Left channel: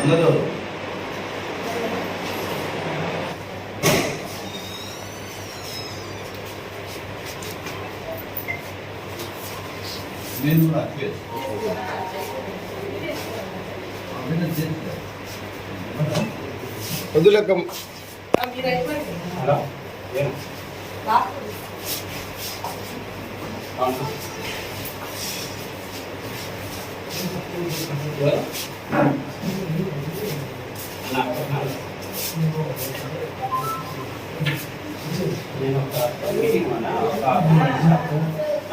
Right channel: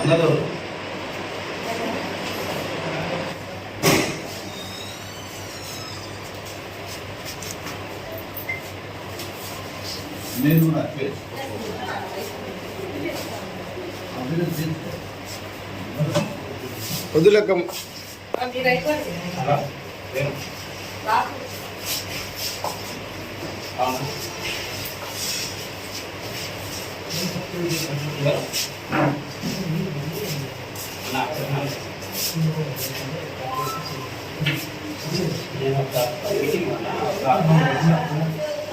అన్నదో. నేను కూడా అట్లే. వద్దులక్క Thank you. నేను ఒక మీటింగ్ ఉన్నా ఒక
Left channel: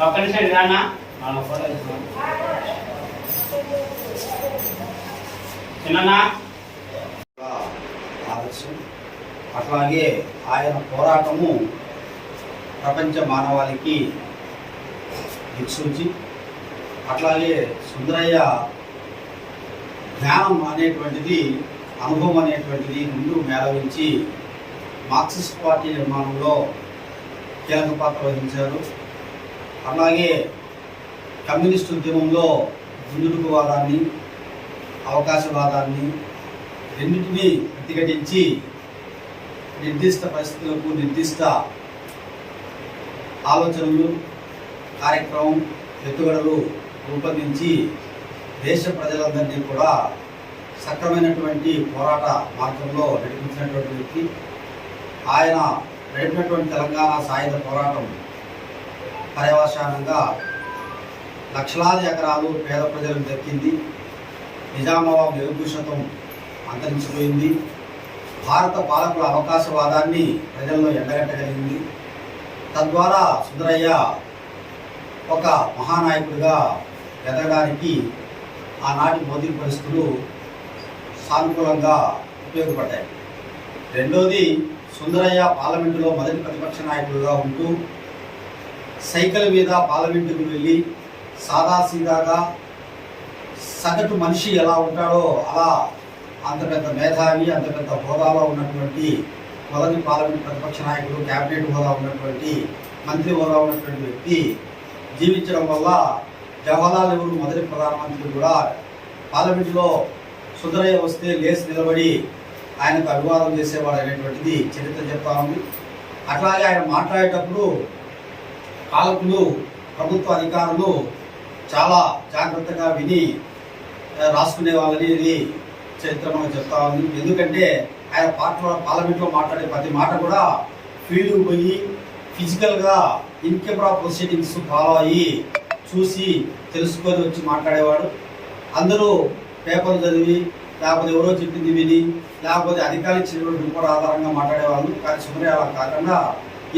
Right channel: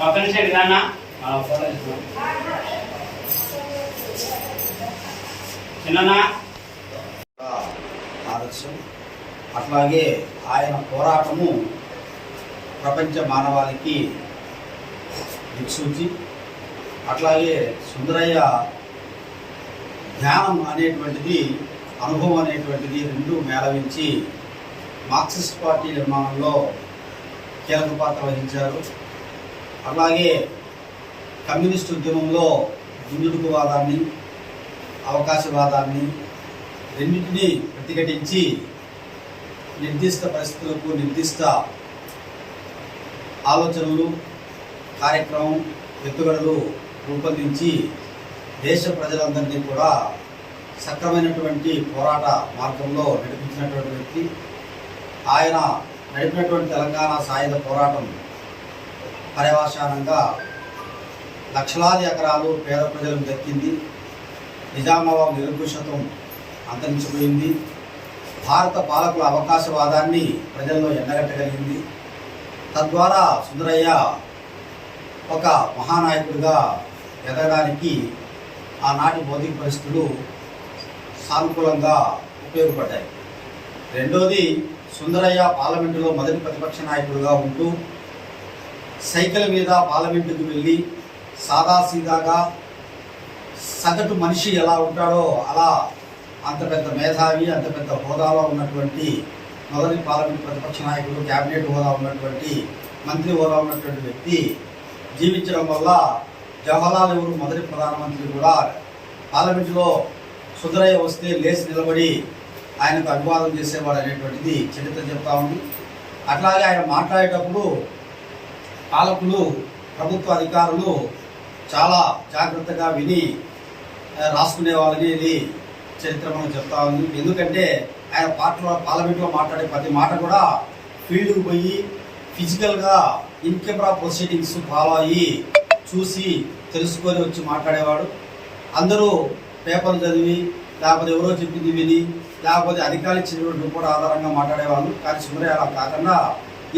ఒక్క నిమిషం ఇటు రా ఆదర్శం అట్లాగే ఆయన పోరాటము ప్రపంచ మానవాళికి దిక్సూచి. అట్లాగే సుందరయ్య ధ్యానం అనేటువంటిది అనుభవం అనేటువంటిది రెండు మేళవించి మార్క్సిస్ట్ పార్టీ నిర్మాణంలో కీలక పాత్ర వహించారు. అలాగే కమ్యూనిస్ట్ ఉద్యమంలో దుందుడుకువాదాన్ని అవకాశవాదాన్ని రెండింటినీ ప్రతిఘటించి నిర్దిష్ట పరిస్థితులకు నిర్దిష్ట ఆలోచనలు కార్యక్రమం ఎత్తుగడలు రూపొందించి దేశ ప్రజలందరినీ కూడా సక్రమైనటువంటి పోరాట మార్గంలో నడిపించినటువంటి వ్యక్తి. ఆయన నడిపినటువంటి తెలంగాణ సాయుధ పోరాటం పర్యవసానంగా లక్షలాది ఎకరాలు పేద ప్రజలు దక్కింది. నిజామాబాద్ నిరంకుశత్వం అంతరించిపోయింది. భారత పాలకుల అవకాశవాదాన్ని ప్రజల్లో ఎండగట్టగలిగింది. తద్వారా సుందరయ్య ఒక మహానాయకుడిగా ఎదగడానికి ఆనాటి భౌతిక పరిస్థితులు సానుకూలంగా ఉపయోగపడ్డాయి. రెండోది సుందరయ్య పార్లమెంటులో మొదటి ప్రతిపక్ష నాయకుడిగా ఉంటూ సైకిల్ మీద పార్లమెంటుకు వెళ్ళి సాదాసీదాగా సగటు మనిషి ఎలా ఉంటాడో అలా అంత పెద్ద మేధావి అంత పెద్ద హోదాలో ఉన్నటువంటి మొదటి పార్లమెంట్ ప్రతిపక్ష నాయకుడు క్యాబినెట్ హోదా ఉన్నటువంటి మంత్రి హోదా ఉన్నటువంటి వ్యక్తి జీవించడం వల్ల జవహర్లాల్ నెహ్రూ మొదటి ప్రధానమంత్రి కూడా పార్లమెంటులో సుందరయ్య వస్తే లేచి నిలబడి ఆయనకు అభివాదం చేసేవాడు అనేటువంటిది చరిత్ర చెప్తా ఉంది. అట్లాగే ఆయన మాట్లాడేటప్పుడు పాలకులు ప్రభుత్వ అధికారులు చాలా జాగ్రత్తగా విని రాసుకునేవాళ్ళని రాసుకునే వాళ్ళని చరిత్ర మనం చెప్తా ఉంది. ఎందుకంటే ఆయన పార్టీలో పార్లమెంట్లో మాట్లాడే ప్రతి మాట కూడా ఫీల్డ్కి పోయి ఫిజికల్గా ఇన్ కెమెరా ప్రొసీడింగ్స్ ఫాలో అయ్యి చూసి తెలుసుకొని వచ్చి మాట్లాడేవాడు. అందరూ పేపర్లు చదివి లేకపోతే ఎవరో చెప్పింది విని లేకపోతే అధికారులు ఇచ్చినటువంటి రిపోర్ట్ ఆధారంగా మాట్లాడేవాళ్ళు. కానీ సుమరే అలా కాకుండా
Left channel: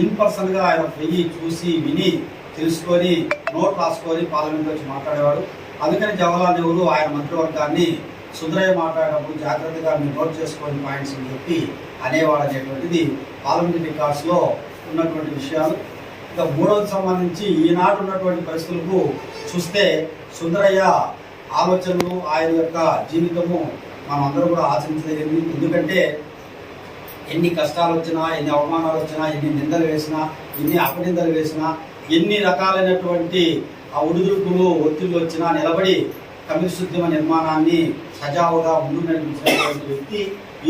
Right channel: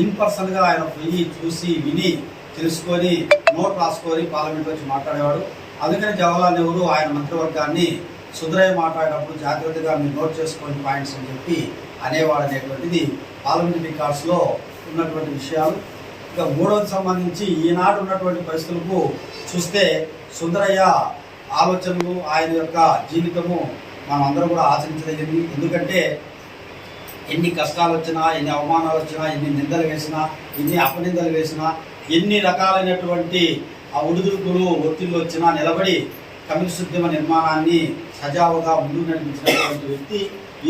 ఇన్ పర్సన్గా ఆయన పోయి చూసి విని తెలుసుకొని నోట్ రాసుకొని పార్లమెంట్లో వచ్చి మాట్లాడేవాడు. అందుకని జవహర్లాల్ నెహ్రూ ఆయన మంత్రివర్గాన్ని సుందరయ్య మాట్లాడేటప్పుడు జాగ్రత్తగా మీరు నోట్ చేసుకోని పాయింట్స్ అని చెప్పి అనేవాడు అనేటువంటిది పార్లమెంట్ రికార్డ్స్లో ఉన్నటువంటి విషయాలు. ఇక మూడవది సంబంధించి ఈనాడు ఉన్నటువంటి పరిస్థితులకు చూస్తే సుందరయ్య ఆలోచనలు ఆయన యొక్క జీవితము మనం అందరూ కూడా ఆశించలేదండి ఎందుకంటే ఎన్ని కష్టాలు వచ్చినా ఎన్ని అవమానాలు వచ్చినా ఎన్ని నిందలు వేసినా ఎన్ని అపనిందలు వేసినా ఎన్ని రకాలైనటువంటి ఆ ఉడుదుడుకులు ఒత్తిళ్ళు వచ్చినా నిలబడి కమ్యూనిస్ట్ ఉద్యమ నిర్మాణాన్ని సజావుగా ముందు నడిపించినటువంటి వ్యక్తి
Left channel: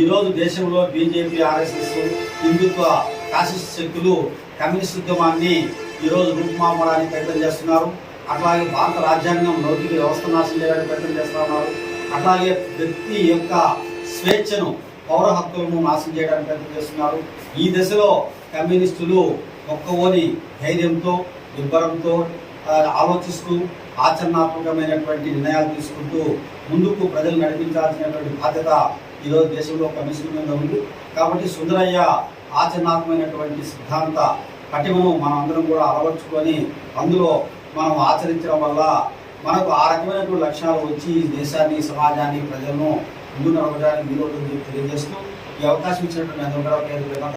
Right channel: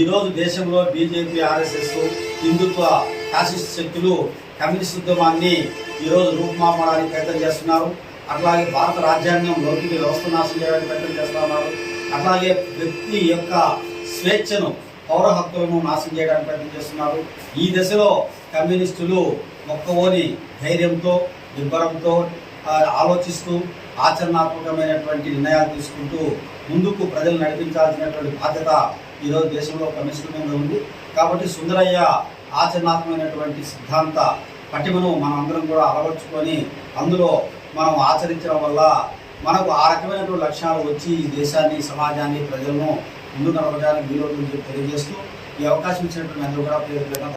ఈరోజు దేశంలో బీజేపీ ఆర్ఎస్ఎస్ హిందుత్వ ఫ్యాసిస్ట్ శక్తులు కమ్యూనిస్ట్ ఉద్యమాన్ని ఈరోజు రూపుమాపడానికి ప్రయత్నం చేస్తున్నారు. అట్లాగే భారత రాజ్యాంగం లౌకిక వ్యవస్థ నాశనం చేయడానికి ప్రయత్నం చేస్తున్నారు. అట్లాగే వ్యక్తి యొక్క స్వేచ్ఛను పౌర హక్కులను నాశనం చేయడానికి ప్రయత్నం చేస్తున్నారు. ఈ దశలో కమ్యూనిస్టులు మొక్కవోని ధైర్యంతో దిబ్బరంతో ఆలోచిస్తూ ఆచరణాత్మకమైనటువంటి నిర్ణయాలు తీసుకుంటూ ముందుకు ప్రజలు నడిపించాల్సినటువంటి బాధ్యత ఈరోజు దేశంలో కమ్యూనిస్టుల మీద ఉంది. కాబట్టి సుందరయ్య ఆచరణాత్మకమైనటువంటి సిద్ధాంత పటిమను మనం అందరం కూడా అలవర్చుకొని అందులో మనం ఆచరించడం వల్ల మనకు ఆ రకమైనటువంటి లక్ష్యాలు వచ్చి దేశాన్ని సమాజాన్ని ప్రజలను ముందు నడపడానికి వీలవుతుందని తెలియజేస్తూ ఈ అవకాశం ఇచ్చినటువంటి అందరూ కూడా పేరు